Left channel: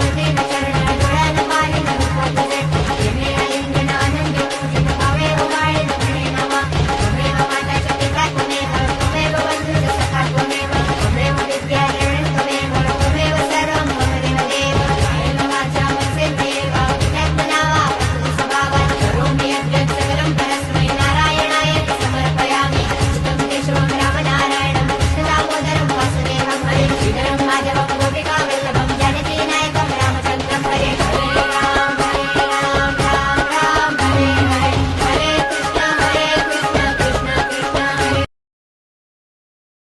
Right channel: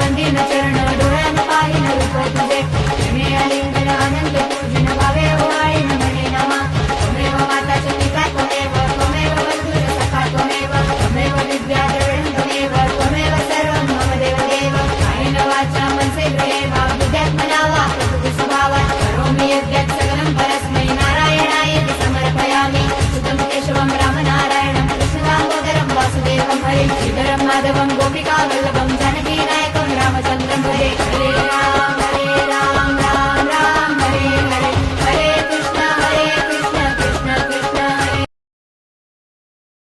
वंदिन चरण डोळ्यान पाहिन रूप तुझे प्रेमे आलिंगन आनंद पूजन भावे ओवाळीन म्हणे नमा त्वमेव माता च पिता त्वमेव बंधुश्च सखा त्वमेव विद्या द्रविणं त्वमेव सर्वं मम देवदेव कायेन वाचा मनसेन्द्रियेण बुद्ध्यात्मना वा प्रकृति स्वभावात् करोमि यद्यत् सकलं परस्मै नारायणाय समर्पयामि अच्युतं केशवं रामनारायणं कृष्णदामोदरं वासुदेवं हरे श्रीधरं माधवं गोपिकावल्लभं जानकीनायकं रामचन्द्रं हरे